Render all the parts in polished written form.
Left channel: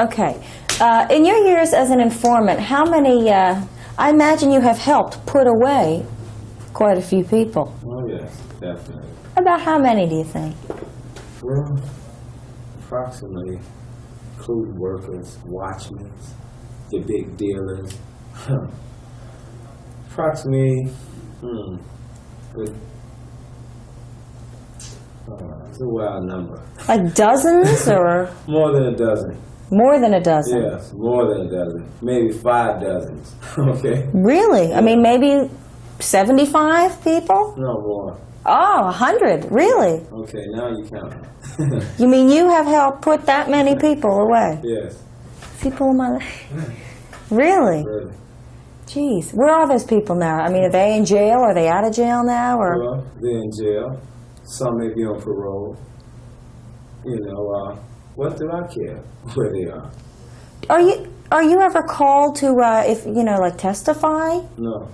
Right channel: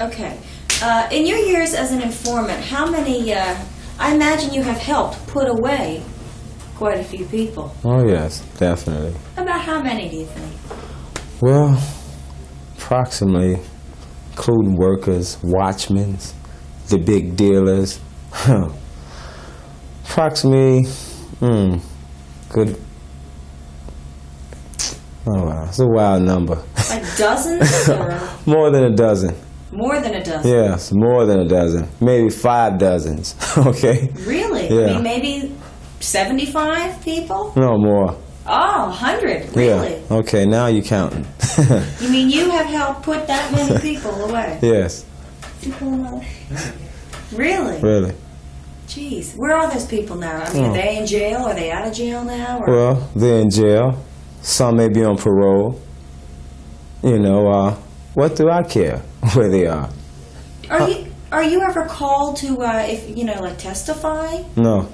Okay. In your years as an informant, how many, I imagine you have helped put away quite a few people. Oh, yes, definitely. About how many do you think? Well, approximately, including workers, watchmen, the big dealers. Approximately, good. Oh, wow, it's a wild number. Like dozens or? More than a dozen. More than a dozen? Yes, more than a dozen. Maybe 5 dozens, okay? Really? Yeah. I mean, maybe 75 people? No more. Oh, 100, really? Yeah. Okay, now you're counting. You mean you have helped put that many people away? Yes. People in my life. Really? Really. Jeez, where are those people now? I mean, are they in jail? Are they out of jail now? Or? Well, they're in jail. Some may be on parole. You know, what do I care where they are? Are you ever called to, if you know, like testify? No.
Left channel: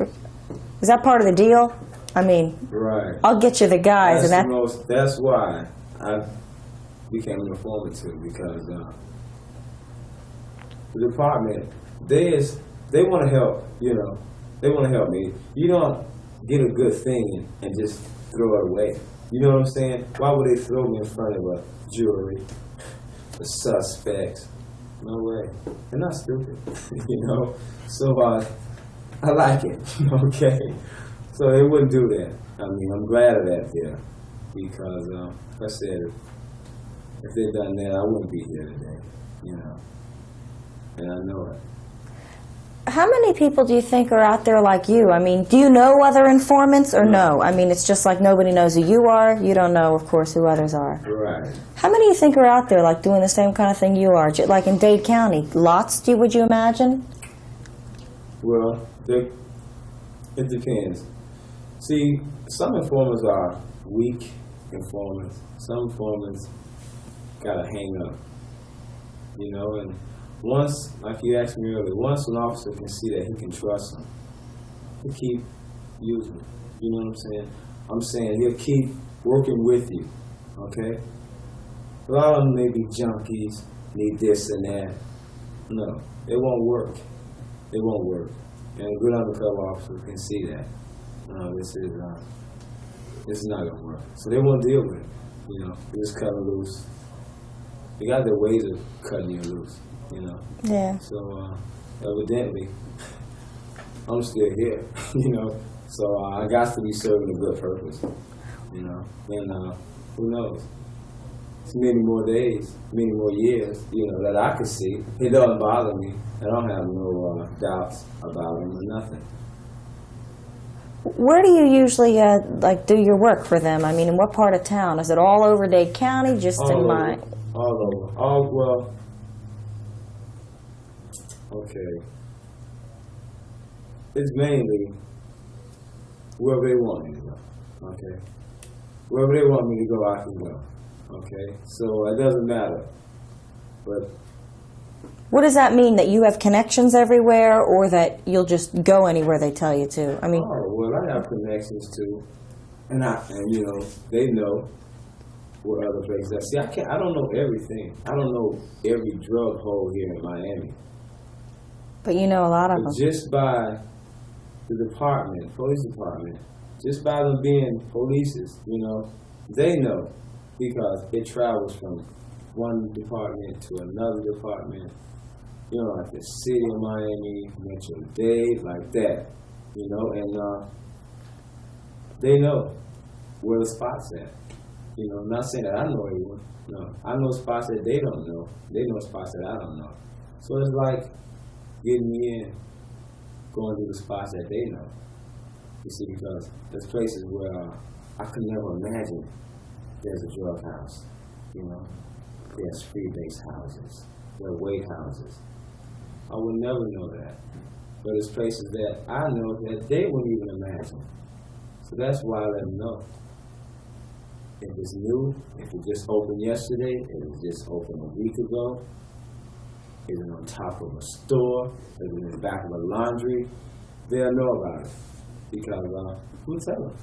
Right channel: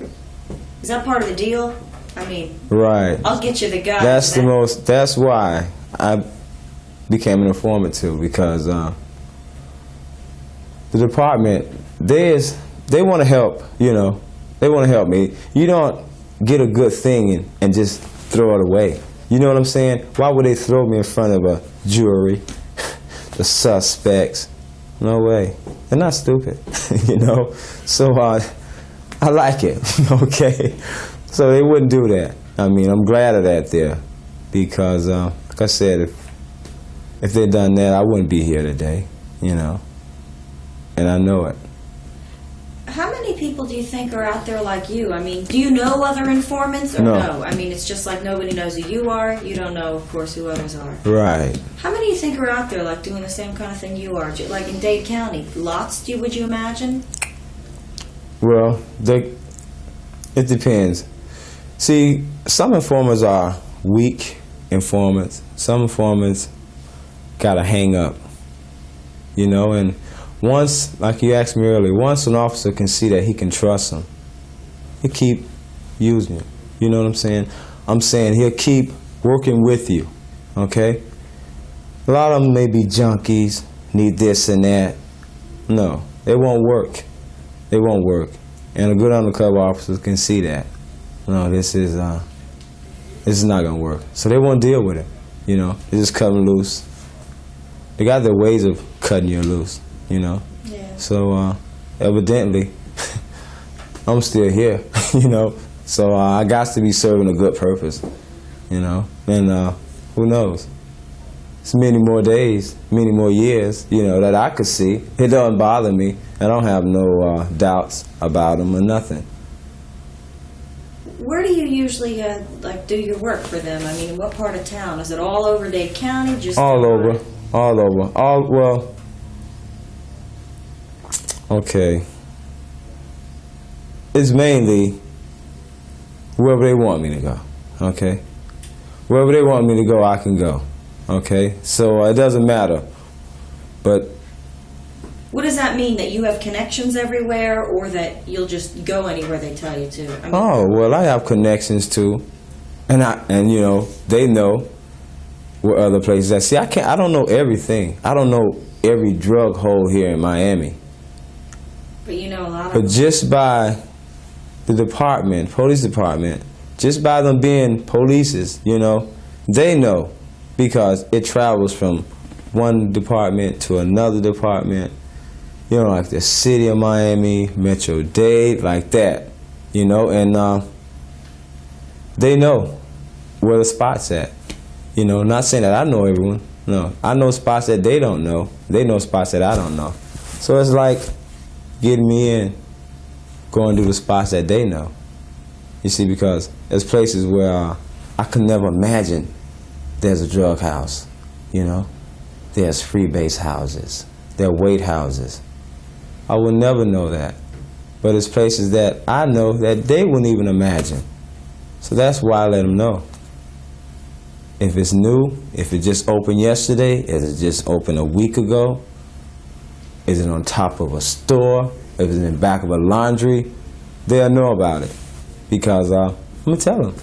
Is that part of the deal? I mean, right. I'll get you the guys. That's why I became an informant too, because the department, they want to help, you know. They want to help me. You don't get a good thing and just throw it away. You know what I'm saying? Why would they throw me in front of a jury, the suspects? No way. They're not stupid, you know? So I like it, okay? So they wouldn't do that. I mean, I'm glad of that there, because like I said, if they'd done that, I wouldn't be here today, you know? And I know it. How many people do you think are out there like you? I mean, do you know other informants or no? I mean, it's just like nobody knows who you are. You don't know, of course, who others are. Right. How many do you think are out there like doing the same kind of thing you are? Like in Dade County? Lots, would you imagine? Well, it depends. See, some informants are weak informants. Some informants got a hang up, you know, and once, like you asked me earlier, once an officer can see that he can trust him, he'll keep using you. You know what I'm saying? I'm saying he'll keep working with you, okay? A lot of them may be junkies, need this and that. No, they won't work. They won't work. And a good undercover officer can see that. No, this is not gonna work. So they won't deal with it, you know? They just cut them loose. They got their ways of cutting you loose. You know? Yeah. So, evidently, I'm still here, you know? So, I got to be serving a good purpose, you know? And, who knows? It's many more days, many more years, you know, that I could see. It doesn't bother me. I don't have no doubts about them or nothing. Where do you usually, like, do your work for them? I mean, in what part of town? Is it all over Dade County? Just all over. Mine? All over. Well... Okay. It's mainly wherever they want me to go, okay? Wherever they want me to go, I can go, okay? So it doesn't matter, but... What does that mean, that you have connections everywhere, or that you'll just go anywhere they tell you to? I mean, oh, well, I have connections too, and you know, they know where other places are. See, I don't know everything. I don't know every drug hole here in Miami. But you know a lot of them. them. But just by the department, police department, just by them being polices, you know, they know, because it travels from one department to another department, you know, like the city of Miami, Metro-Dade, like that, you know, and they know where the spot's at. You know, not saying that I know everyone, no. I know spots that they don't know. They know spots that I don't know. So it's like getting me in, going to the spots that they know. You see, because there's places where I could never imagine there's a drug house, you know? There's freebase houses, there are weight houses. I would never know that. But it's places that I know that they wouldn't even imagine. So that's why I let them know. If it's new, if it just opened yesterday, is it just opened a week ago? Is it on top of a store? If it's in the back of a laundry? They'll know about it. Because I'm going to tell them.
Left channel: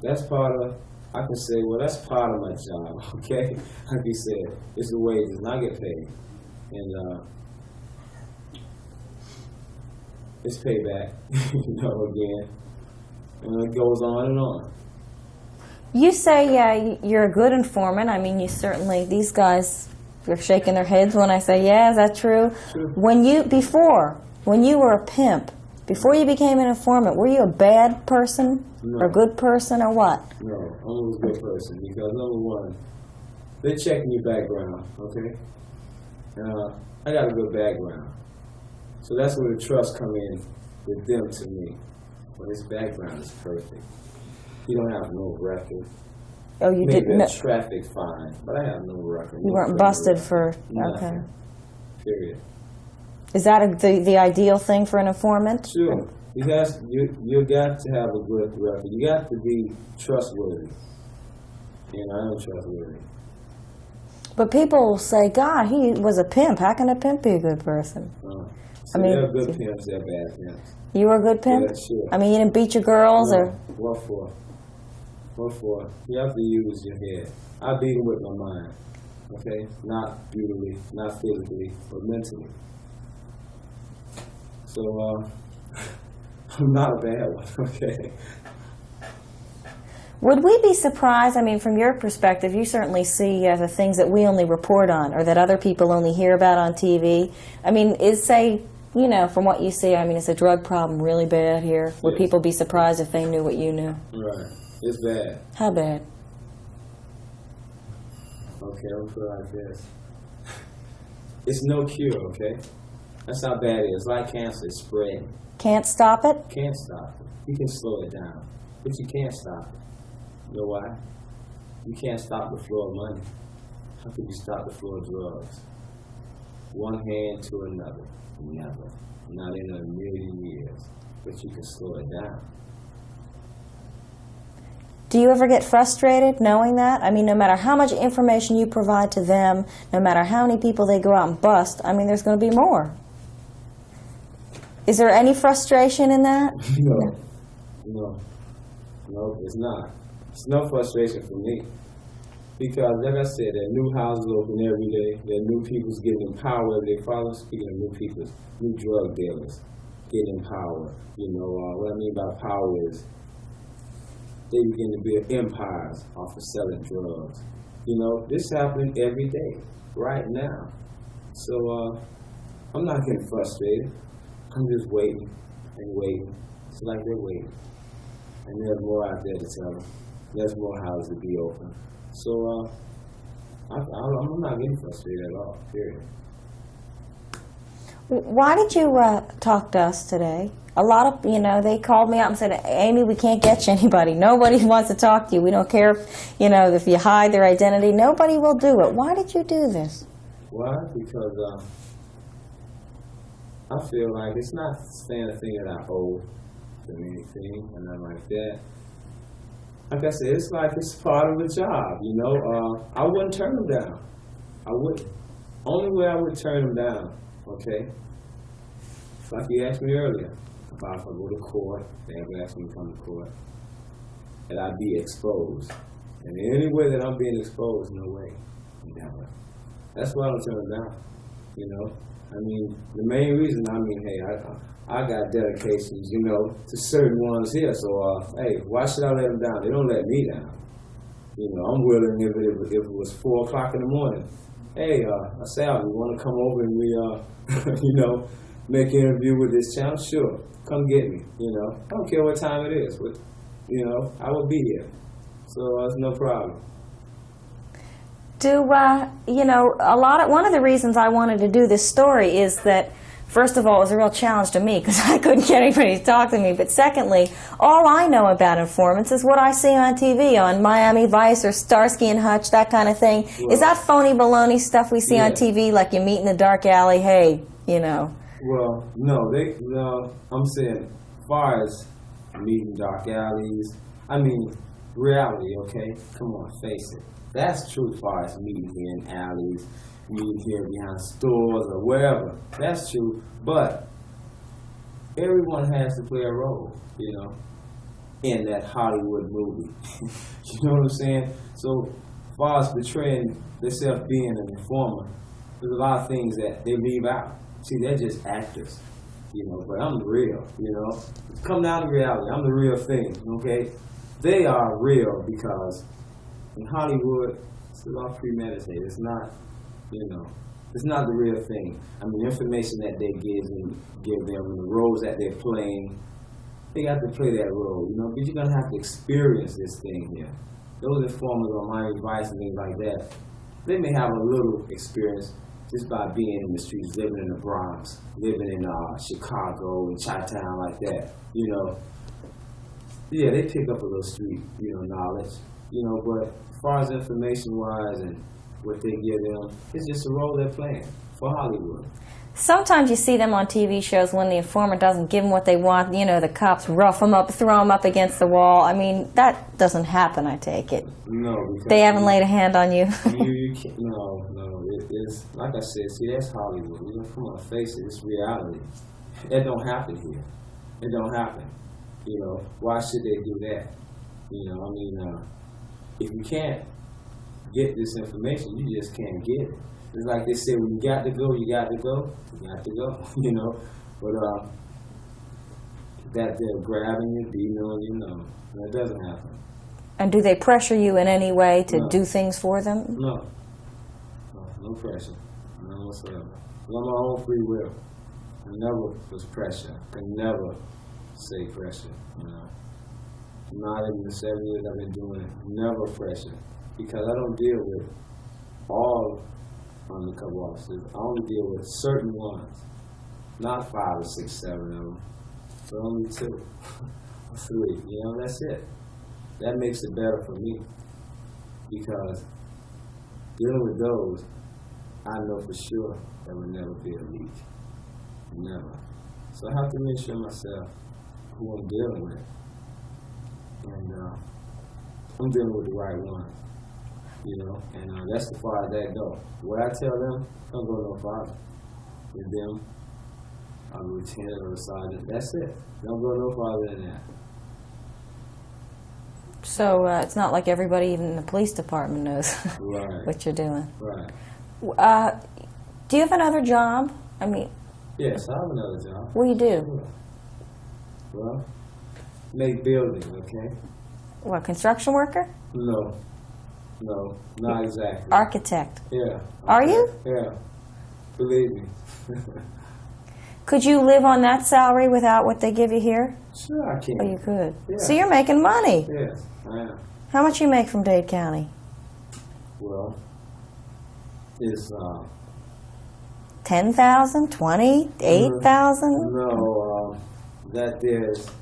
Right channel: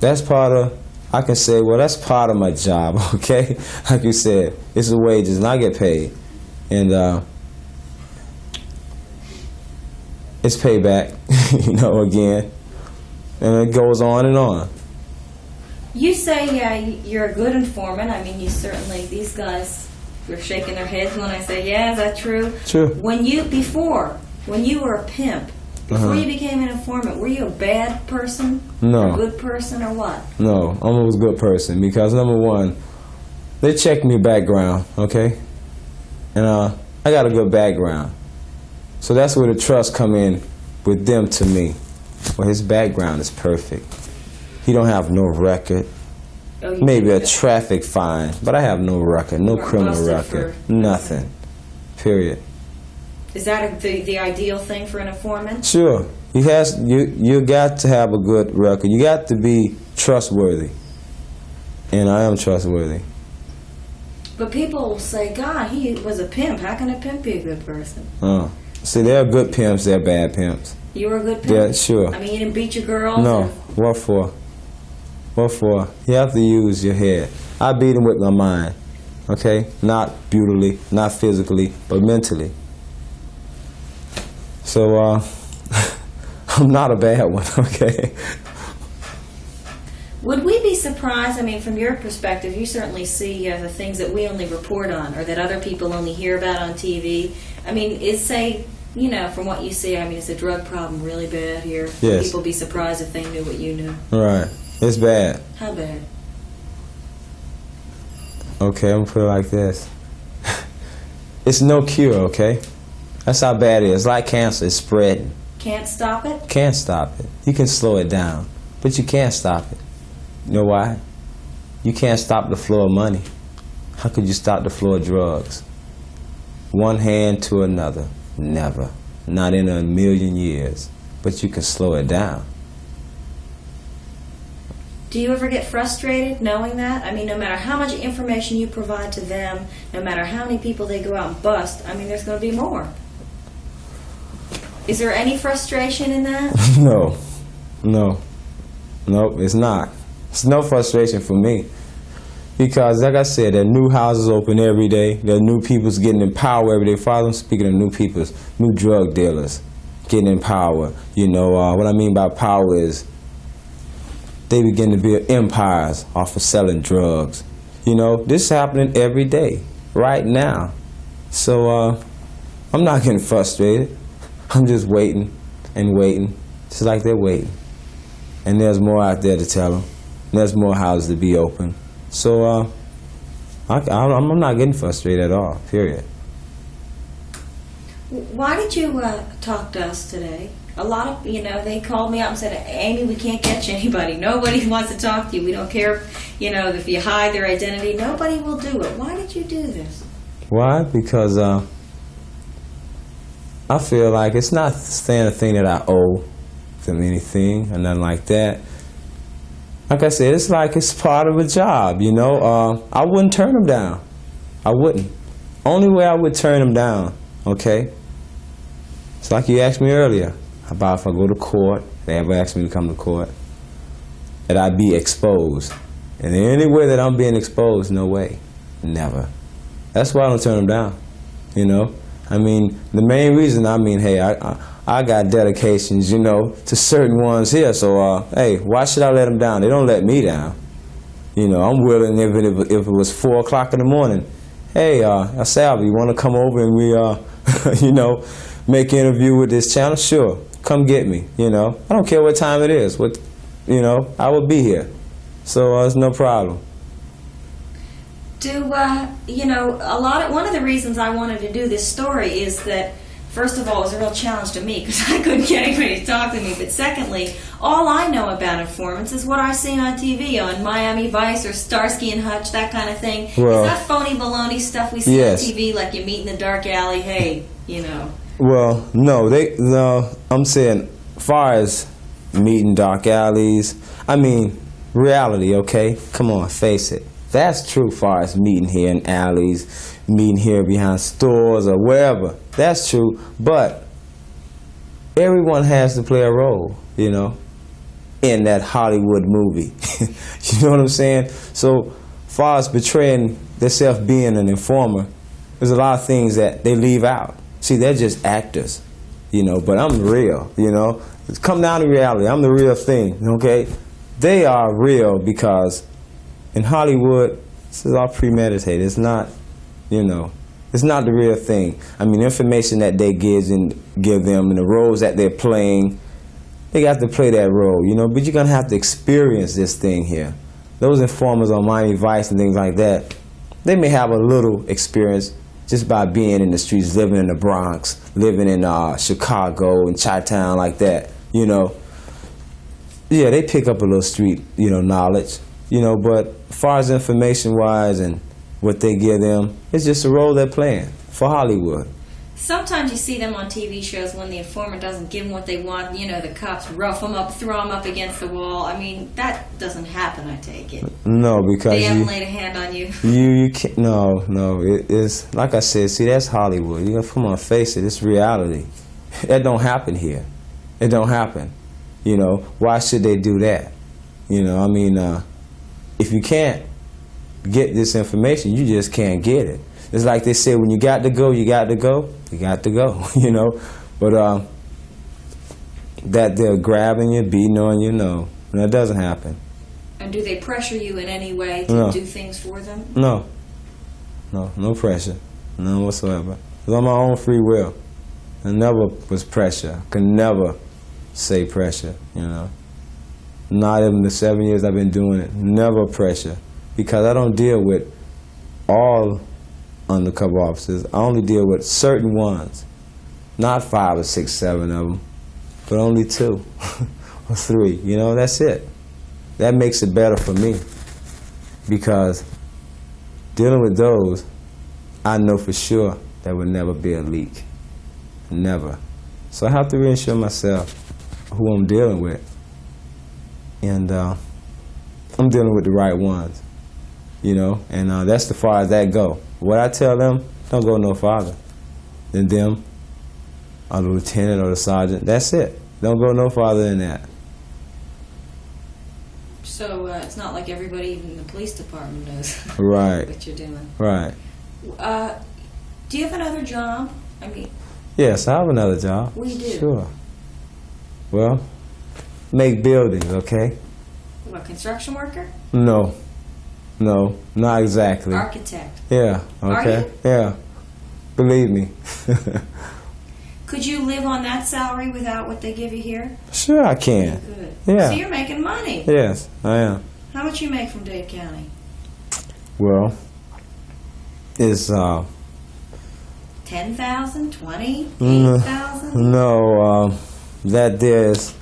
That's part of, I can say, well, that's part of my job, okay? Like you said, it's the wages and I get paid. and it's payback, you know, again, and it goes on and on. You say, yeah, you're a good informant. I mean, you certainly, these guys are shaking their heads when I say, yeah, is that true? True. When you were a pimp, before you became an informant, were you a bad person? No. Or a good person, or what? No, I'm always a good person because, number one, they checked me background, okay? And I got a good background. So that's where the trust come in with them to me. Well, his background is perfect. He don't have no record. Oh, you Maybe didn't a traffic fine, but I have no record, no weren't criminal busted record, for- nothing. okay. Period. Is that the ideal thing for an informant? Sure, you got to have a good record. You got to be trustworthy, and I am trustworthy. But people say, God, he was a pimp. How can a pimp be a good person? See, I mean, there are good pimps, there are bad pimps. You were a good pimp? Yeah, sure. I mean, you didn't beat your girls? No, Or? what for? What for? You have to use your head. I beat him with my mind, okay? Not brutally, not physically, but mentally. So, I'm not a bad one, okay? Would we be surprised, I mean, from your perspective, you certainly see the things that we only report on or that other people only hear about on TV. I mean, say, you know, from what you see, I mean, is the drug problem really bad here? Would Yes. people be surprised if they knew what you knew? Right. It's bad. How bad? Okay, I'm gonna put it like this. It's no cure, okay? That's how bad it is. It's like cancer, it's spreading. Can't stop it? Can't stop it. You can slow it down, but you can't stop it. You know why? You can't stop the flow of money. How could you stop the flow of drugs? One hand to another. Never. Not in a million years. But you can slow it down. Do you ever get frustrated knowing that? I mean, no matter how much information you provide to them, no matter how many people they go out and bust, I mean, there's going to be more. Is there any frustration in that? No. No. Nope, it's not. It's no frustration for me. Because, like I said, there are new houses open every day. There are new people's getting in power every day. Father, I'm speaking of new people's, new drug dealers getting in power. You know, what I mean by power is they begin to build empires off of selling drugs. You know, this is happening every day, right now. So, I'm not getting frustrated. I'm just waiting and waiting, just like they're waiting. And there's more out there to tell them. There's more houses to be open. So I'm not getting frustrated at all, period. Why did you talk to us today? A lot of, you know, they called me up and said, Amy, we can't get you anybody. Nobody wants to talk to you. We don't care if, you know, if you hide their identity. Nobody will do it. Why did you do this? Why? Because I feel like it's not saying a thing that I owe them anything or nothing like that. Like I said, it's like it's part of a job, you know. I wouldn't turn them down. I wouldn't. Only way I would turn them down, okay? It's like you asked me earlier about if I go to court, they ever asked me to come to court, that I'd be exposed. And in any way that I'm being exposed, no way. Never. That's why I don't turn them down, you know. I mean, the main reason, I mean, hey, I got dedications, you know, to certain ones here. So, hey, why should I let them down? They don't let me down. You know, I'm willing if it was 4 o'clock in the morning. Hey, Salvi, you want to come over and we, you know, make an interview with this channel? Sure, come get me. You know, I don't care what time it is. You know, I will be here. So it's no problem. You know, one of the reasons I wanted to do this story is that, first of all, it was a real challenge to me because I couldn't get anybody to talk to me. But secondly, all I know about informants is what I see on TV, on Miami Vice or Starsky and Hutch, that kind of thing. Well, is that phony baloney stuff we see yes. on TV, like you meet in the dark alley, hey, you know? Well, no, I'm saying, far as meeting dark alleys, I mean, reality, okay? Come on, face it. That's true far as meeting here in alleys, meeting here behind stores or wherever. That's true, but everyone has to play a role, you know, in that Hollywood movie. You know what I'm saying? So far as betraying themselves being an informer, there's a lot of things that they leave out. See, they're just actors, you know, but I'm real, you know. It's come down to reality. I'm the real thing, okay? They are real because in Hollywood, this is all premeditated. It's not, you know, it's not the real thing. I mean, information that they give them and the roles that they're playing, they got to play that role, you know, but you're going to have to experience this thing here. Those informers on Miami Vice and things like that, they may have a little experience just by being in the streets, living in the Bronx, living in Chicago and Chi-Town like that, you know. Yeah, they pick up a little street, you know, knowledge, you know, but as far as information-wise and what they give them, it's just a role they're playing for Hollywood. Sometimes you see them on TV shows when the informant doesn't give them what they want. You know, the cops rough them up, throw them up against the wall. I mean, that doesn't happen, I take it. No, because they haven't laid a hand on you. you can't. No. It's like I said. See, that's Hollywood. You gotta come on, face it. It's reality. That don't happen here. It don't happen. You know, why should they do that? You know, I mean, if you can't get this information, you just can't get it. It's like they say, when you got to go, you got to go. You got to go, you know. But that they're grabbing you, beating on you, no, that doesn't happen. And do they pressure you in any way to do things for them? No pressure, none whatsoever. It's on my own free will. I never was pressure. I could never say pressure, you know. Not even the 7 years I've been doing it, never pressure. Because I don't deal with all undercover officers. I only deal with certain ones. Not 5 or 6, 7 of them, but only 2 or 3. You know, that's it. That makes it better for me. Because dealing with those, I know for sure there would never be a leak. Never. So I have to reassure myself who I'm dealing with. And I'm dealing with the right ones. You know, and that's as far as that go. What I tell them, don't go no farther than them, or the lieutenant or the sergeant. That's it. Don't go no farther than that. So it's not like everybody, even in the police department, knows Right. what you're doing. Right. Do you have another job? I mean, yes, I have another job. What do you do? Sure. Well, make buildings, okay? What, construction worker? No, not exactly. Architect. Yeah. Okay. Are you? Yeah. Believe me. Could you live on that salary without what they give you here? Sure, I can. You could. Yeah. So you're making money. Yes, I am. How much you make from Dade County? Well, it's 10,000, 20, 8,000? No, that there's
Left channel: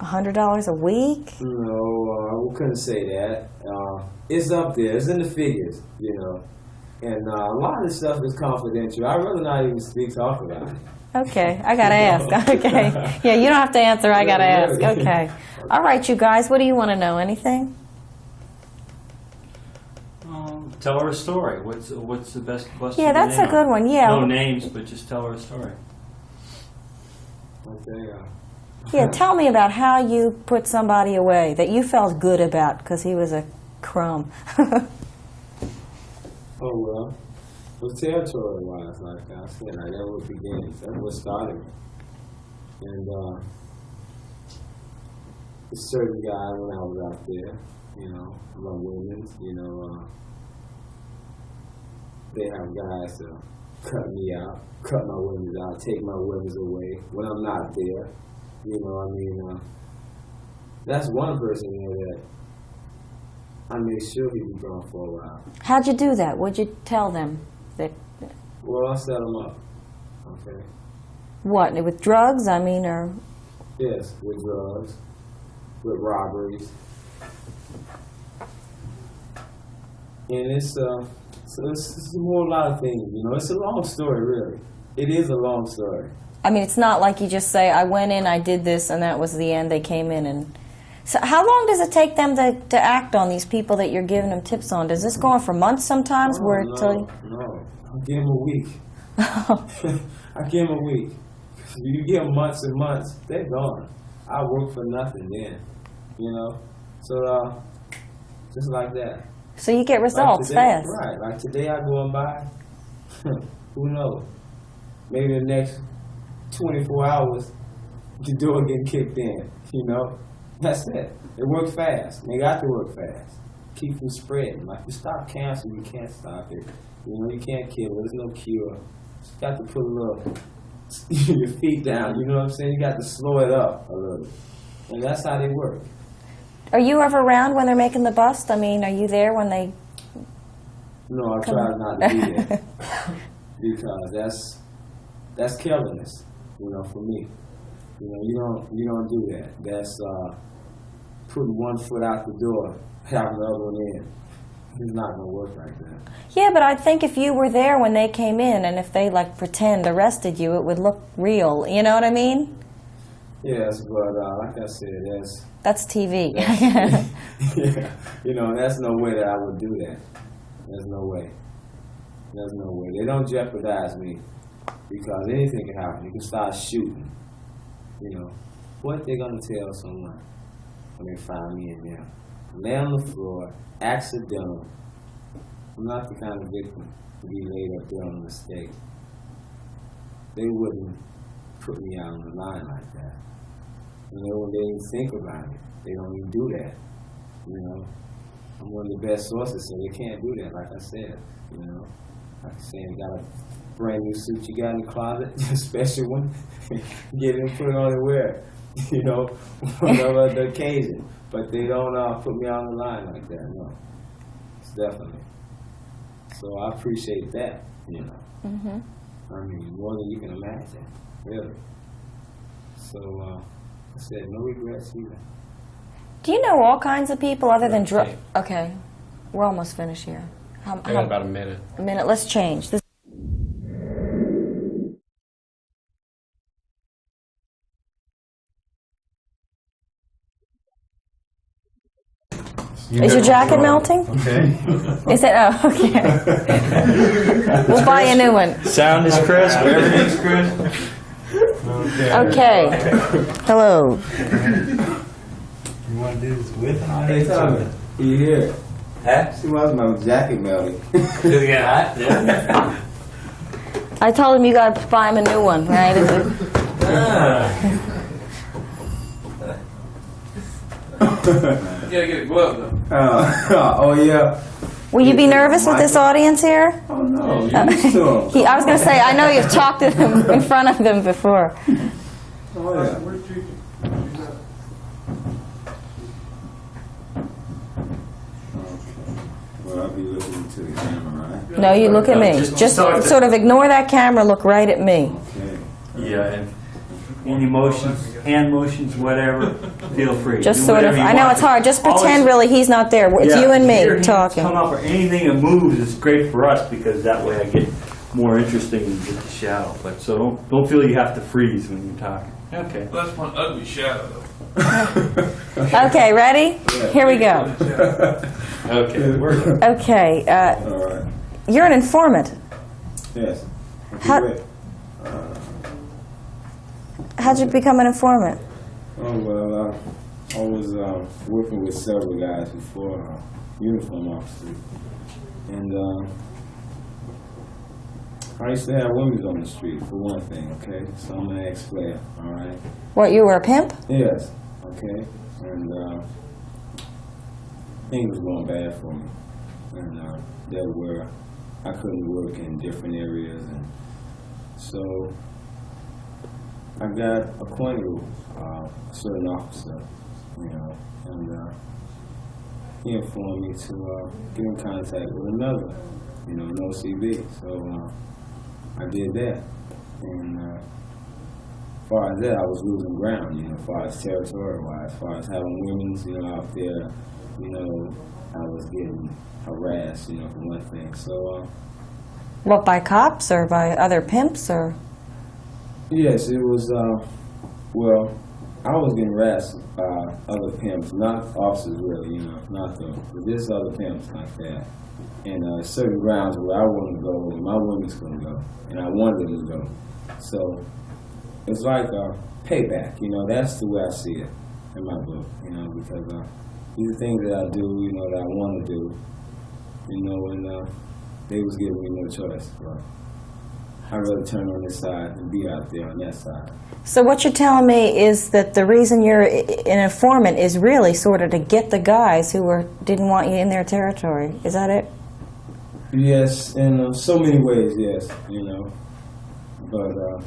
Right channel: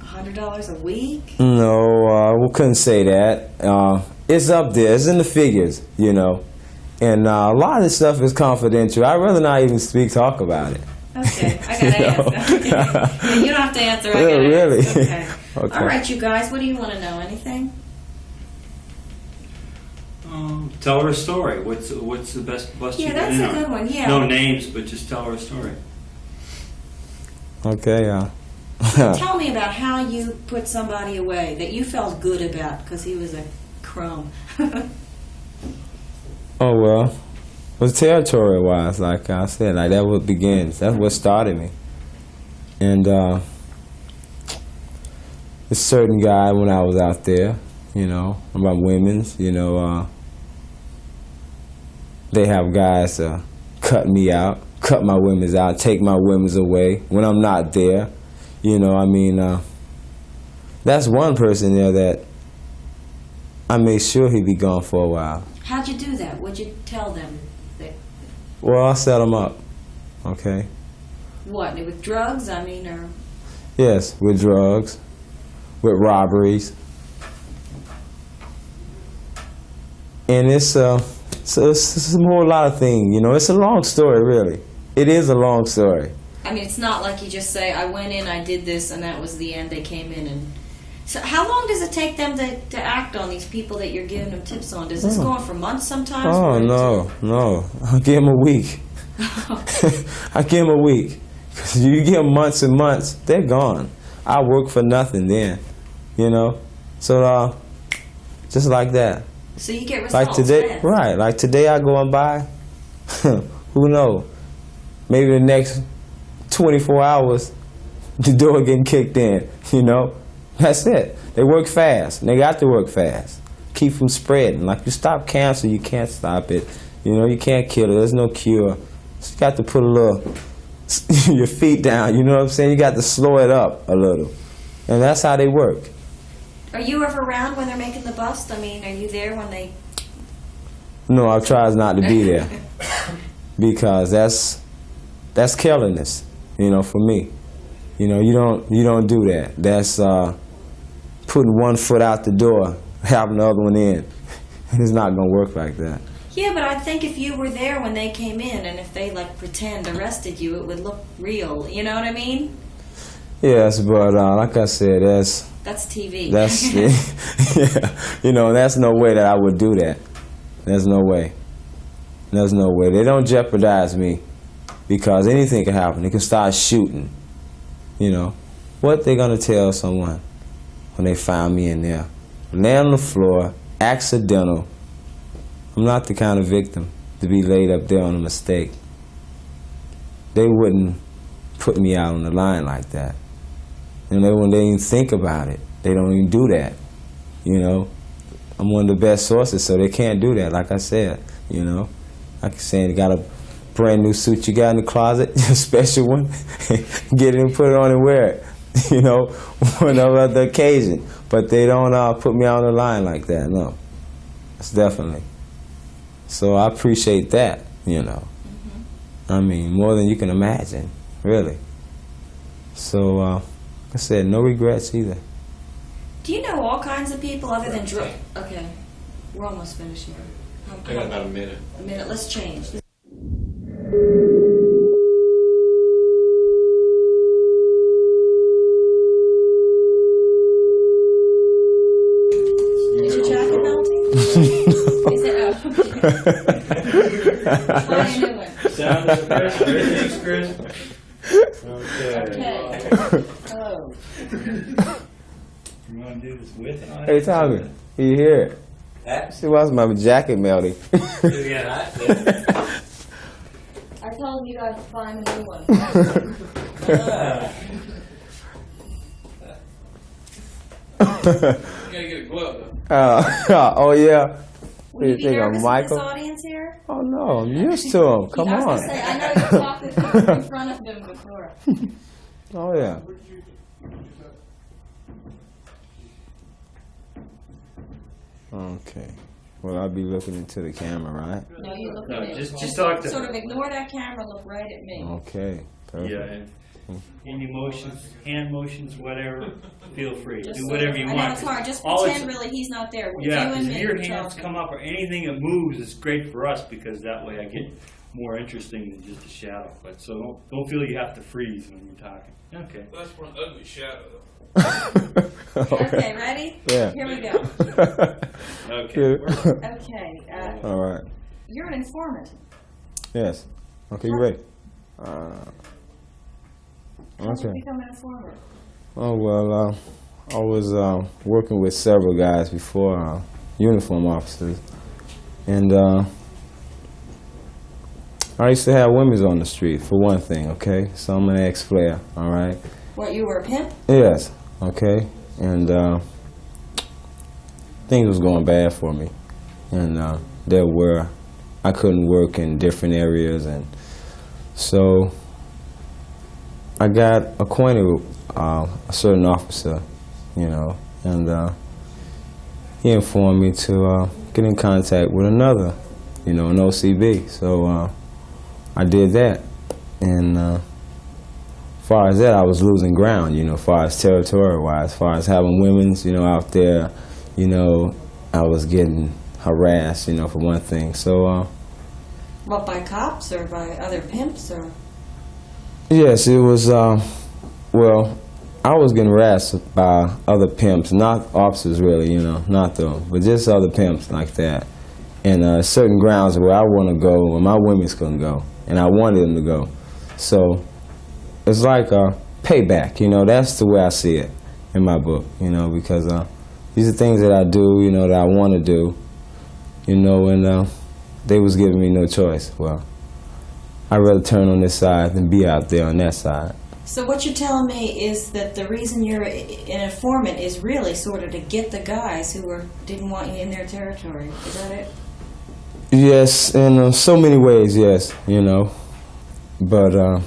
$100 a week? no. We couldn't say that. It's up there. It's in the figures, you know. And a lot of this stuff is confidential. I'd rather not even talk about it. Okay, I gotta ask. Okay. Yeah, you don't have to answer. I gotta really? ask. Okay. Okay. All right, you guys, what do you want to know? Anything? Tell her a story. What's the best bust Yeah, you've that's been in a good on? one. Yeah. No names, but just tell her a story. Okay, Yeah, tell me about how you put somebody away that you felt good about because he was a crumb. Oh, well, it was territory-wise, like I said. Like, that what begins. That's what started me. And a certain guy, when I was out there, you know, about women's, you know, they have guys cut me out, cut my women's out, take my women's away when I'm not there. You know, I mean, that's one person there that I made sure he'd be gone for a while. How'd you do that? What'd you tell them? That Well, I set him up, okay? what? With drugs? I mean, or Yes, with drugs, with robberies. And it's a whole lot of things, you know. It's a long story, really. It is a long story. I mean, it's not like you just say, I went in, I did this, and that was the end. They came in and... So how long does it take them to act on these people that you're giving them tips on? Does this go on for months sometimes? Oh, no. I give them a week. I give them a week. Because you give them months and months, they're gone. I work for nothing then, you know. So, just like that. So you get Like results today, fast. right? Like today, I go and buy. Who knows? Maybe the next 24 hours, the door getting kicked in. You know, that's it. They work fast. And they got to work fast. Keep from spreading. Like you stop cancer, you can't stop it. You know, you can't kill it. There's no cure. So you got to put a little your feet down. You know what I'm saying? You got to slow it up a little, and that's how they work. Are you ever around when they're making the bust? I mean, are you there when they... No, I try not to be there because that's carelessness. You know, for me. You know, you don't do that. That's putting one foot out the door, having the other one in. It's not gonna work like that. Yeah, but I think if you were there when they came in and if they like pretend arrested you, it would look real. You know what I mean? Yes, but like I said, That's TV. that's yeah. You know, that's no way that I would do that. There's no way. There's no way. They don't jeopardize me because anything can happen. They can start shooting. You know, what they gonna tell someone when they find me in there? Lay on the floor, accidental. I'm not the kind of victim to be laid up there on a mistake. They wouldn't put me out on the line like that. And when they even think about it, they don't even do that. You know, I'm one of the best sources, so they can't do that. Like I said, you know, like I said, you got a brand new suit you got in the closet, a special one, get it and put it on and wear it. You know, on no other occasion. But they don't put me out on the line like that. No, it's definitely. So I appreciate that. You know, I mean, more than you can imagine, really. So, like I said, no regrets either. Do you know all kinds of people other than drug? Okay, we're almost finished here. I got about a minute. A minute. Let's change. Is your jacket melting? Is it? Oh, okay. We'll buy a new one. Sound is crisp, everything's crisp. Okay. Hello. You want to do this with and on? Hey, Tommy, you here? Huh? See, why's my jacket melting? Does it get hot? Yeah. I told him you got to buy him a new one, right? You gotta get a glove though. Oh, yeah. Will you be You know, nervous with this Michael? audience here? Oh, no, I'm used to 'em. I was going to say, I know you've talked to them in front of them before. Oh, yeah. Okay. Well, I'll be looking into the camera, right? No, you look at me. Just Just start sort of ignore that camera, look right at me. Okay. Yeah, and any motions, hand motions, whatever, feel free. Just Do sort of, whatever you I know want. it's hard, just Always- pretend really he's not there. It's Yeah, you and your me hands talking. Come up or anything that moves is great for us because that way I get more interesting and get the shadow. But so don't feel you have to freeze when you're talking. Okay. Well, that's one ugly shadow though. Okay, ready? Yeah. Here we go. Okay. We're Okay, All right. you're an informant. Yes. Okay, How- wait. How'd you become an informant? Oh, well, I was working with several guys before, uniform officers. And I used to have women on the street, for one thing, okay? So I'm an ex-player, all right? What, you were a pimp? Yes, okay? And things was going bad for me. And I couldn't work in different areas. And so I got acquainted with a certain officer, you know, and he informed me to get in contact with another, you know, an OCB. So I did that, and as far as that, I was losing ground, you know, as far as territory-wise, as far as having women's, you know, out there, you know, I was getting harassed, you know, for one thing. So, What, by cops or by other pimps or? yes, it was, well, I was getting harassed by other pimps, not officers really, you know, not them, but just other pimps like that. And certain grounds where I want to go, where my women's couldn't go, and I wanted them to go. So it's like a payback, you know, that's the way I see it in my book, you know, because these are things that I do, you know, that I want to do. you know, and they was giving me no choice. Well, I'd rather turn on this side than be out there on that side. So what you're telling me is that the reason you're an informant is really sort of to get the guys who didn't want you in their territory. Is that it? Yes, in so many ways, yes, you know. But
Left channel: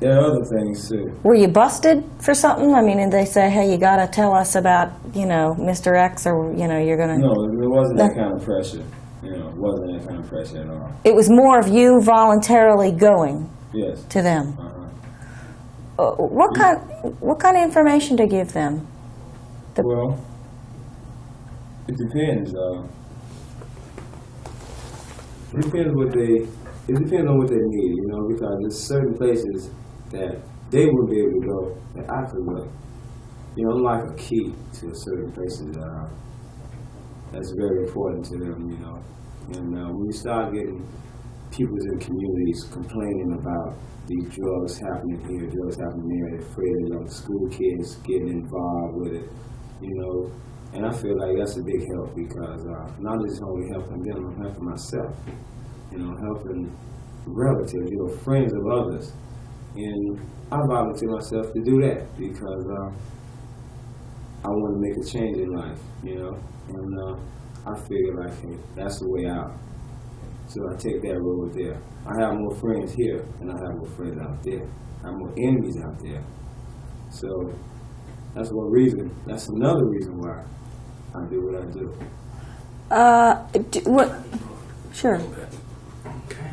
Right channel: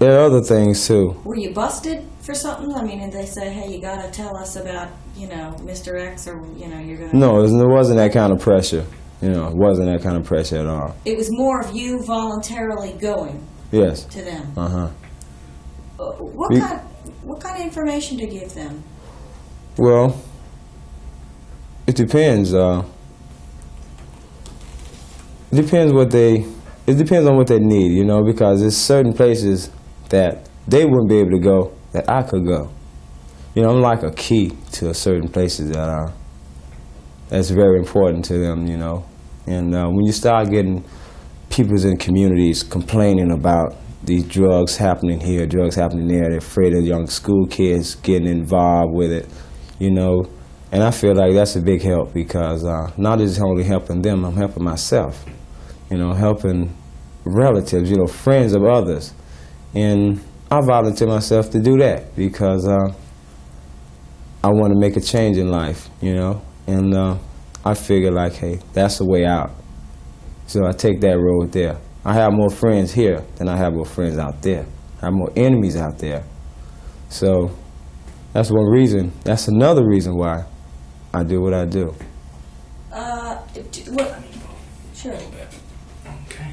there are other things too. Were you busted for something? I mean, did they say, hey, you got to tell us about, you know, Mr. X, or, you know, you're going to... No, it wasn't that kind of pressure. You know, it wasn't that kind of pressure at all. It was more of you voluntarily going Yes. to them. Uh-huh. What kind of information to give them? Well, it depends. It depends on what they need, you know, because there's certain places that they wouldn't be able to go that I could go. You know, I'm like a key to certain places that's very important to them, you know. And when you start getting people in communities complaining about these drugs happening here, drugs happening there, they're afraid of young school kids getting involved with it, you know. And I feel like that's a big help, because not just only helping them, I'm helping myself, you know, helping relatives, you know, friends of others. And I volunteer myself to do that because I want to make a change in life, you know. And I figure like, hey, that's the way out. So I take that road there. I have more friends here than I have more friends out there. I have more enemies out there. So that's one reason. That's another reason why I do what I do. Sure. Okay.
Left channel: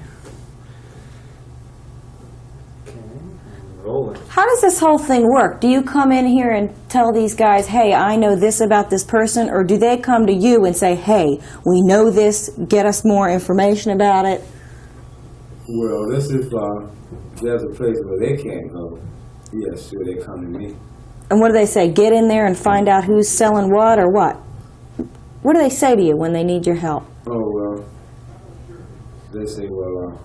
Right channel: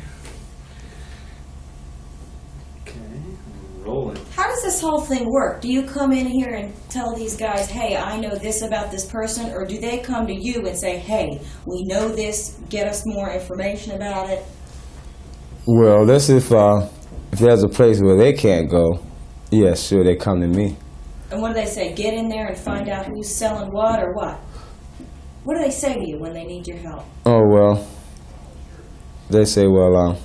Rolling. How does this whole thing work? Do you come in here and tell these guys, hey, I know this about this person, or do they come to you and say, hey, we know this, get us more information about it? Well, that's if there's a place where they can't go, yeah, sure, they come to me. And what do they say? Get in there and find out who's selling what, or what? What do they say to you when they need your help? Oh, well, they say, well,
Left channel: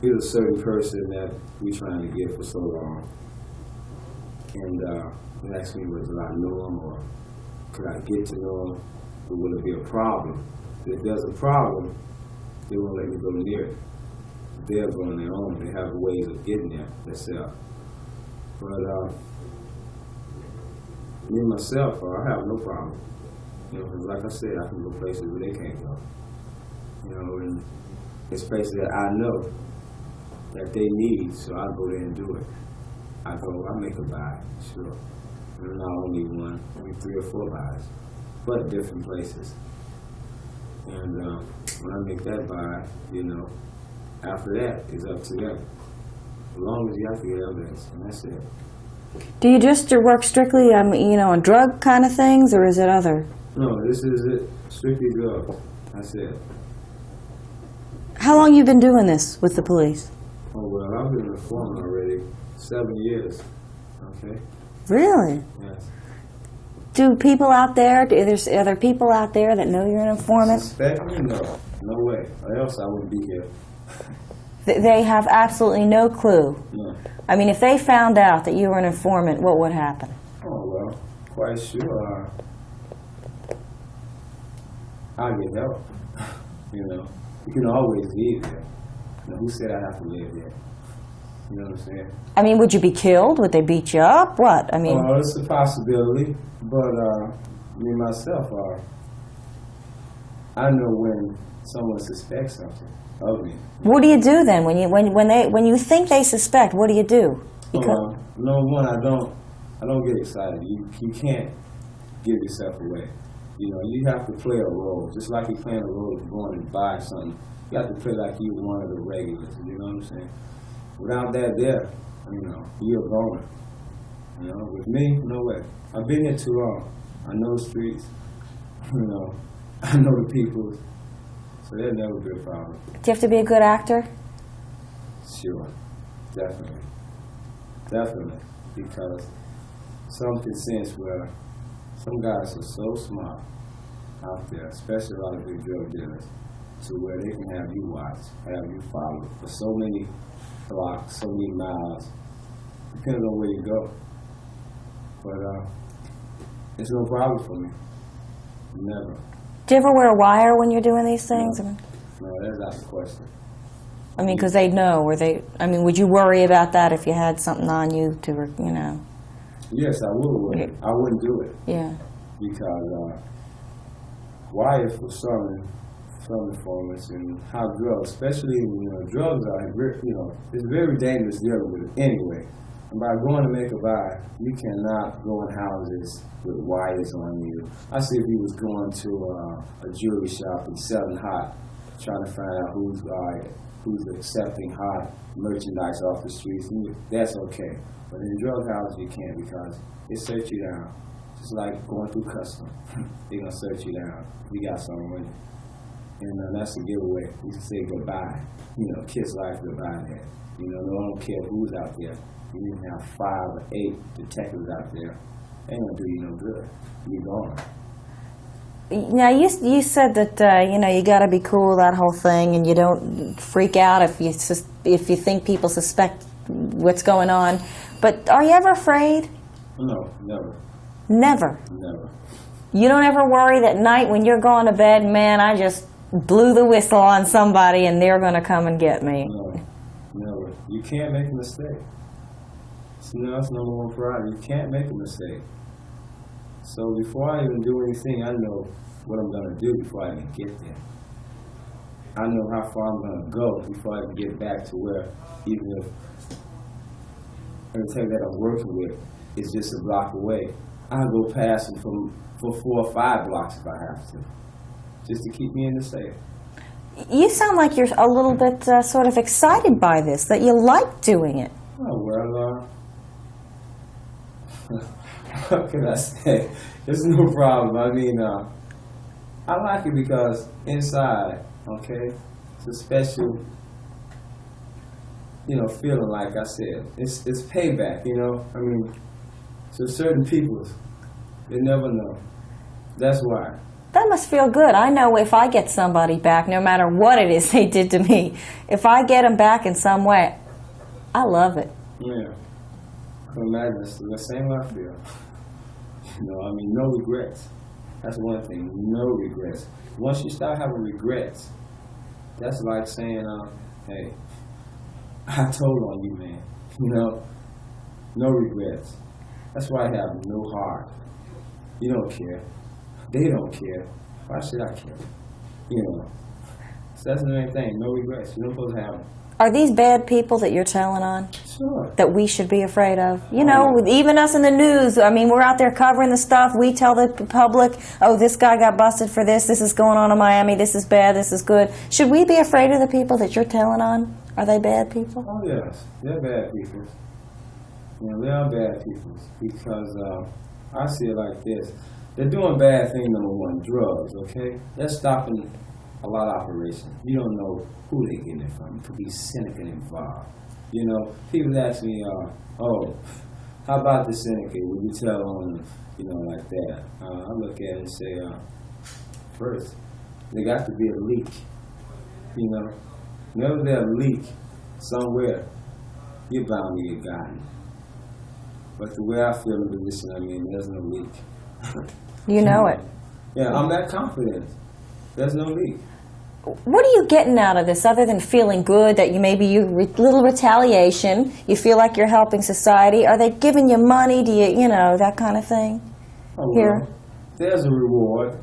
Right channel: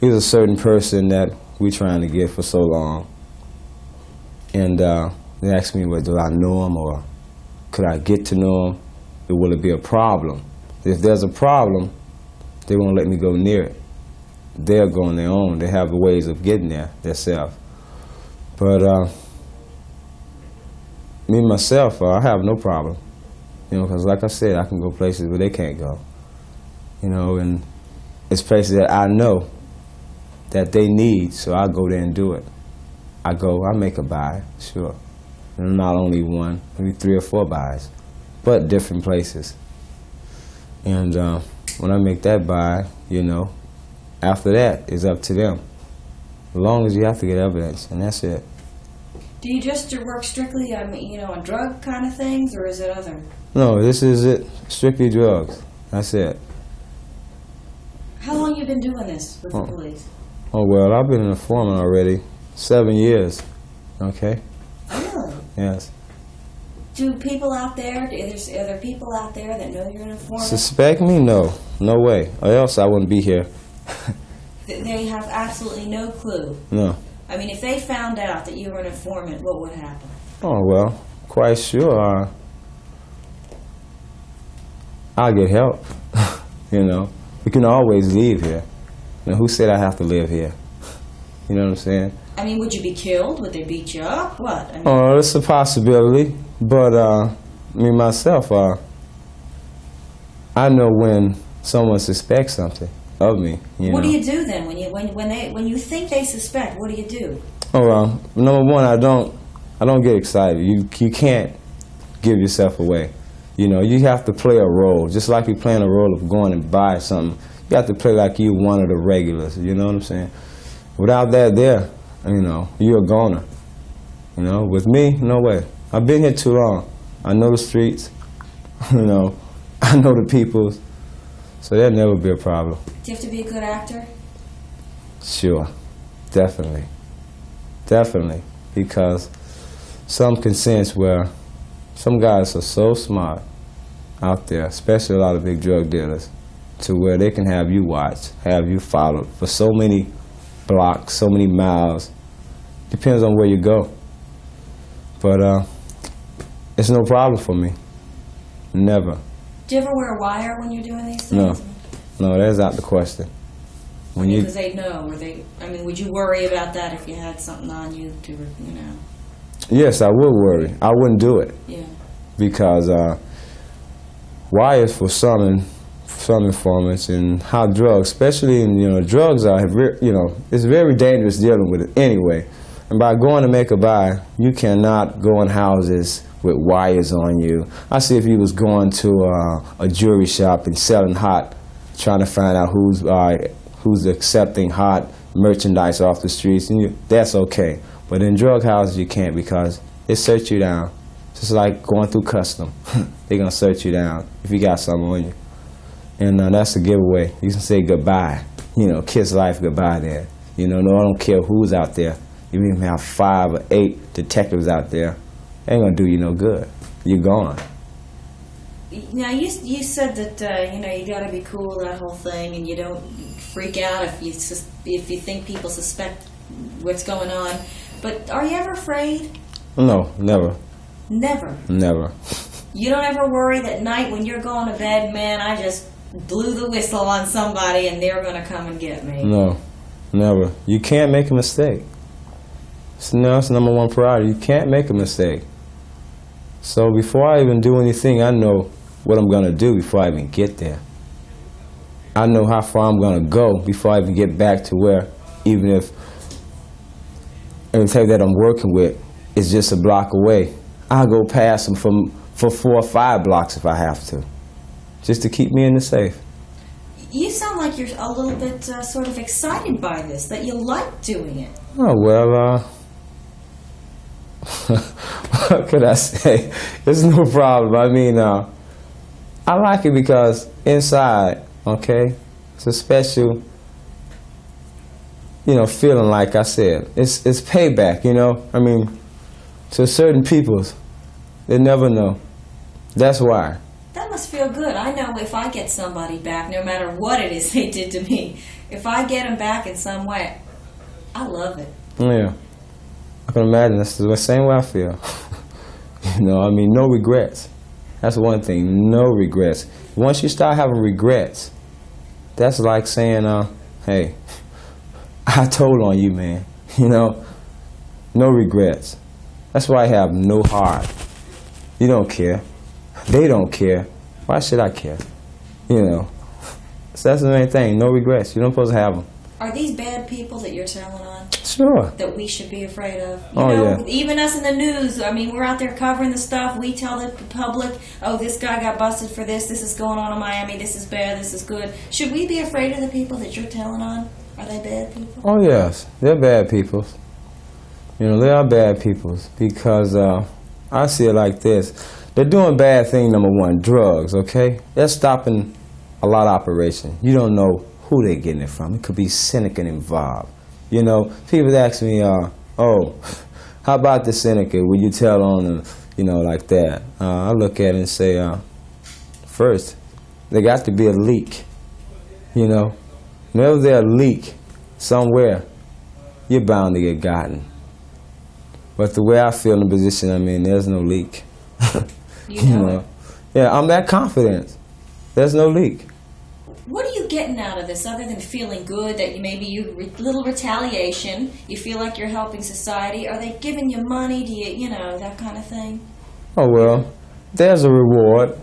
here's a certain person that we're trying to get for so long. And they ask me, well, do I know him, or could I get to know him? Or will it be a problem? If there's a problem, they won't let me go near it. They'll go on their own. They have ways of getting there themselves. But me, myself, I have no problem. You know, because like I said, I can go places where they can't go. You know, and it's places that I know that they need, so I go there and do it. I make a buy, sure. And not only one, maybe 3 or 4 buys, but different places. And when I make that buy, you know, after that, it's up to them. As long as you have to get evidence, and that's it. Do you just work strictly, you know, on drug kind of things, or is it other? No, this is it. Strictly drugs. That's it. How long you been doing this with the police? Oh, well, I've been an informant already 7 years. Okay? Really? Yes. Do people out there, are there people out there that know you're an informant? Suspect me? No. No way. Or else I wouldn't be here. They have absolutely no clue. No. I mean, if they found out that you were an informant, what would happen? Oh, well, quite sure. I'll get help. You know, we can always leave here. You know, who said I have to live here? You know what I'm saying? I mean, would you be killed? Would they beat you up? What? I mean, Oh, it's a possibility. But me myself, I know when someone suspects something of me. what do you do then when you think they suspect? What do you do? Oh, number one, I don't get excited. You can't give yourself away. You know, you have to play a role, just like you're playing a role of going and buy something. You have to play like you're one of the regulars. You know what I'm saying? Without that there, you know, you're a goner. You know, with me, no way. I've been here too long. I know the streets. You know, I know the people. So there'll never be a problem. Do you have to be a good actor? Sure, definitely. Definitely. Because some can sense where some guys are so smart out there, especially a lot of big drug dealers, to where they can have you watched, have you followed for so many blocks, so many miles. Depends on where you go. But it's no problem for me. Never. Do you ever wear a wire when you're doing these things? No, that's out the question. I mean, because they know, would you worry about that if you had something on you Yes, I would worry. I wouldn't do it. Yeah. Because wires for some informants, and how drugs, especially drugs are, it's very dangerous dealing with it anyway. And by going to make a buy, you cannot go in houses with wires on you. I see if you was going to a jewelry shop and selling hot, trying to find out who's accepting hot merchandise off the streets, and that's okay. But in drug houses, you can't, because they search you down. Just like going through custom. They're going to search you down if you got something on you. And that's a giveaway. You can say goodbye. Kiss life goodbye there. No, I don't care who's out there. You even have 5 or 8 detectives out there. Ain't going to do you no good. You're gone. Now, you said that, you got to be cool, that whole thing, and you don't freak out if you think people suspect what's going on. But are you ever afraid? No, never. Never? Never. You don't ever worry that night when you're going to bed, man, I just blew the whistle on somebody and they're going to come and get me? No, never. You can't make a mistake. That's number one priority. You can't make a mistake. So before I even do anything, I know what I'm going to do before I even get there. I know how far I'm going to go before I even get back to where, even if the type that I'm working with is just a block away, I'll go past them for 4 or 5 blocks if I have to, just to keep me in the safe. You sound like you're a little bit sort of excited by this, that you like doing it. Oh, well, what could I say? It's no problem. I mean, I like it because inside, okay, it's a special, feeling, like I said. It's payback, I mean, to certain peoples, they never know. That's why. That must feel good. I know if I get somebody back, no matter what it is they did to me, if I get them back in some way, I love it. Yeah. I can imagine that's the same way I feel. No regrets. That's one thing, no regrets. Once you start having regrets, that's like saying, hey, I told on you, man. No regrets. That's why I have no heart. You don't care. They don't care. Why should I care? So that's the main thing, no regrets. You don't supposed to have them. Are these bad people that you're telling on? Sure. That we should be afraid of? Yeah. Even us in the news, we're out there covering the stuff. We tell the public, oh, this guy got busted for this. This is going on in Miami. This is bad. This is good. Should we be afraid of the people that you're telling on? Are they bad people? Oh, yes. They're bad people. They are bad people because I see it like this. They're doing bad thing, number one, drugs, okay? They're stopping a lot of operation. You don't know who they're getting it from. It could be syndicate involved. People ask me, oh, how about the syndicate? Will you tell on them, like that? I look at it and say, first, there got to be a leak, Whenever there's a leak somewhere, you're bound to get gotten. But the way I feel in the position I'm in, there's no leak. You know it. Yeah, I'm that confident. There's no leak. What are you getting out of this other than feeling good that little retaliation, you feel like you're helping society? Are they giving you money? Do you, that kind of thing? Oh, well, there's a reward,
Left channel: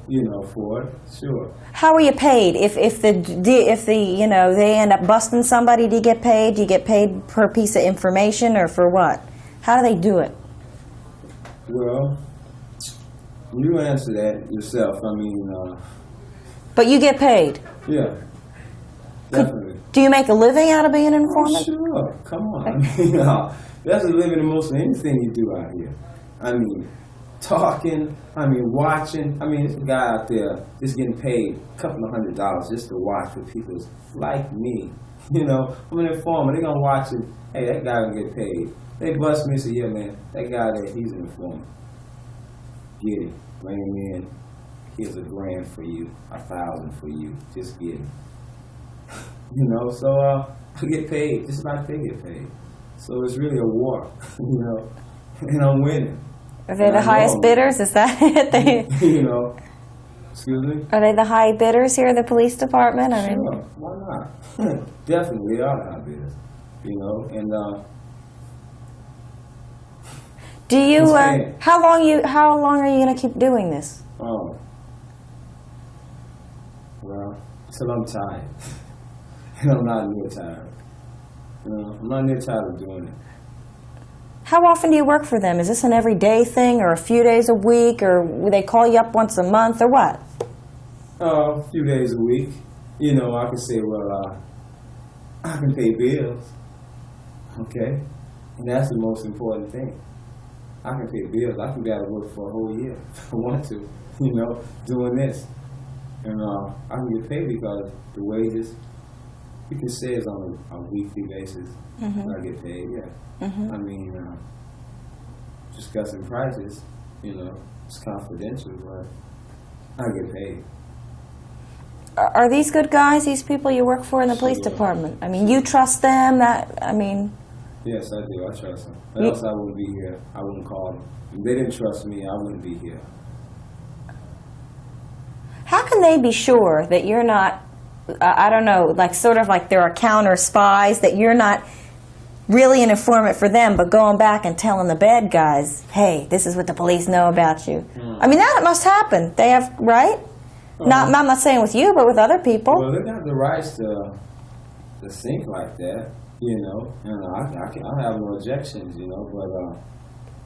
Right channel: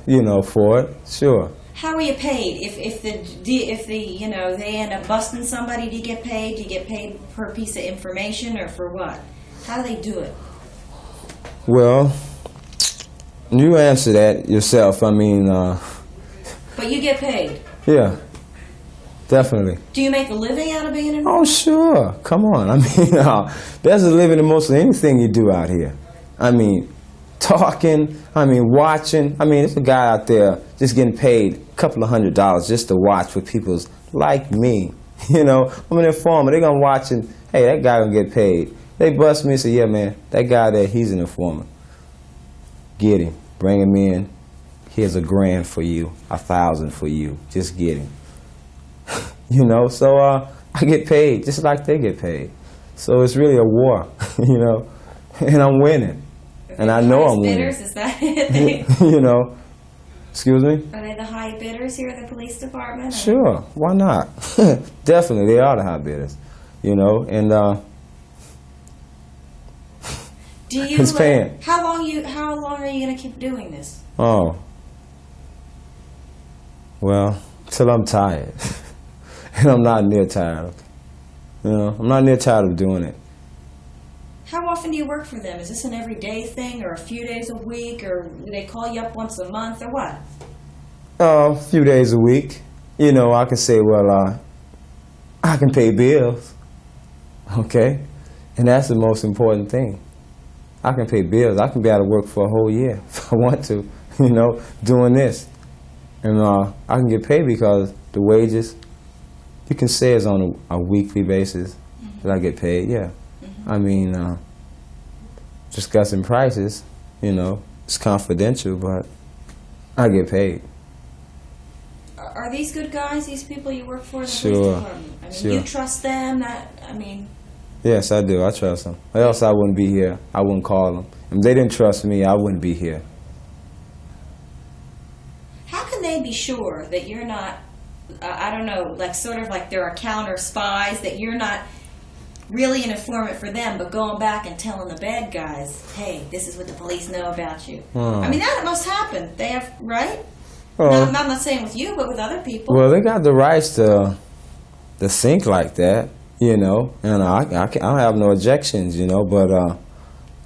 for it, sure. How are you paid? If they end up busting somebody, do you get paid? Do you get paid per piece of information or for what? How do they do it? Well, you answer that yourself. But you get paid? Yeah, definitely. Do you make a living out of being an informant? Oh, sure. Come on. There's a living in most of anything you do out here. Talking, watching. There's a guy out there just getting paid a couple of $100 just to watch for people like me. I'm an informant. They're going to watch and, hey, that guy going to get paid. They bust me and say, yeah, man, that guy there, he's an informant. Get him. Bring him in. Here's $1,000 for you, $1,000 for you. Just get him. So I get paid just like they get paid. So it's really a war, and I'm winning. Are they the highest bidders? Is that it? Excuse me? Are they the high bidders here at the police department? I mean, Sure, why not? Definitely, they are the high bidders, you know, and do you? It's paying. How long are you going to keep doing this? oh, well, till I'm tired, and I'm not near tired. You know, I'm not near tired of doing it. How often do you work for them? Is this an everyday thing, or a few days a week, or will they call you up once a month, or what? A few days a week. You know, I can say, well, I can pay bills, okay? And that's the most important thing. I can pay bills. I can be out of work for a whole year if I want to, you know, doing this. And I can get paid because the wages, you can say it's on a weekly basis that I get paid, yeah. I mean, discussing prices, you know, it's confidential, but I get paid. Are these good guys, these people you work for in the police Sure. department? I mean, Sure. you trust them? Yes, I do. I trust them. Or else I wouldn't be here. I wouldn't call them. If they didn't trust me, I wouldn't be here. How can they be sure that you're not, I don't know, like sort of like there are counter spies, that you're not really an informant for them, but going back and telling the bad guys, hey, this is what the police know about you? I mean, that must happen. They have, right? Well, I'm not saying with you, but with other people. Well, they got the rights to think like that, you know, and I don't have no objections, you know, but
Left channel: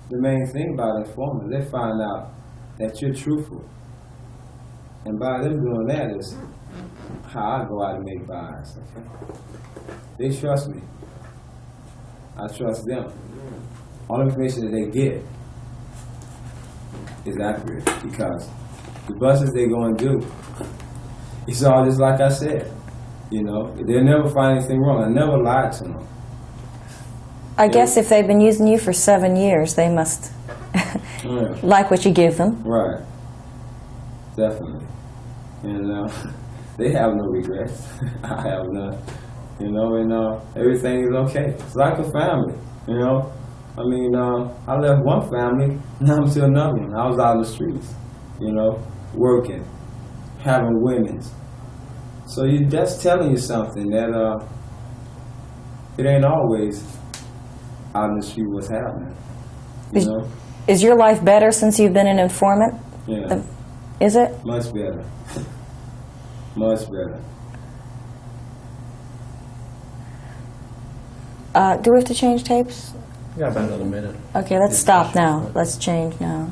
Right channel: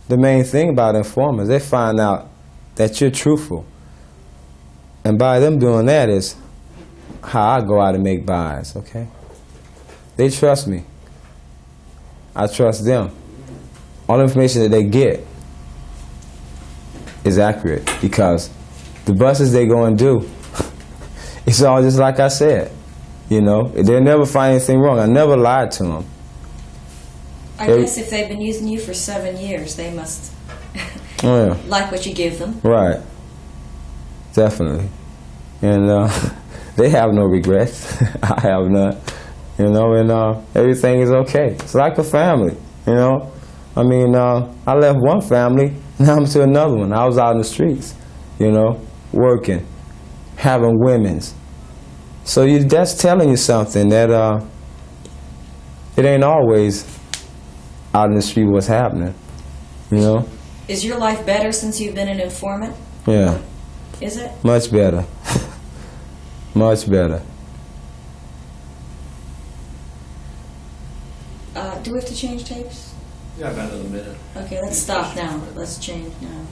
the main thing about informers, they find out that you're truthful. And by them doing that is how I go out and make buys, okay? They trust me. I trust them. All the information that they get is accurate because the buses they go and do, it's all just like I said. You know, they never find anything wrong. I never lied to them. I guess if they've been using you for 7 years, they must Oh, yeah. like what you give them. Right. Definitely. And they have no regrets. I have none. You know, and everything is okay. It's like a family, you know. I mean, I left one family, now I'm to another one. I was out in the streets, you know, working, having women's. So that's telling you something that it ain't always out in the street what's happening, you know. Is your life better since you've been an informant? Yeah. Is it? Much better. Much better. Do we have to change tapes? Yeah, about another minute. Okay, let's stop now. Let's change now.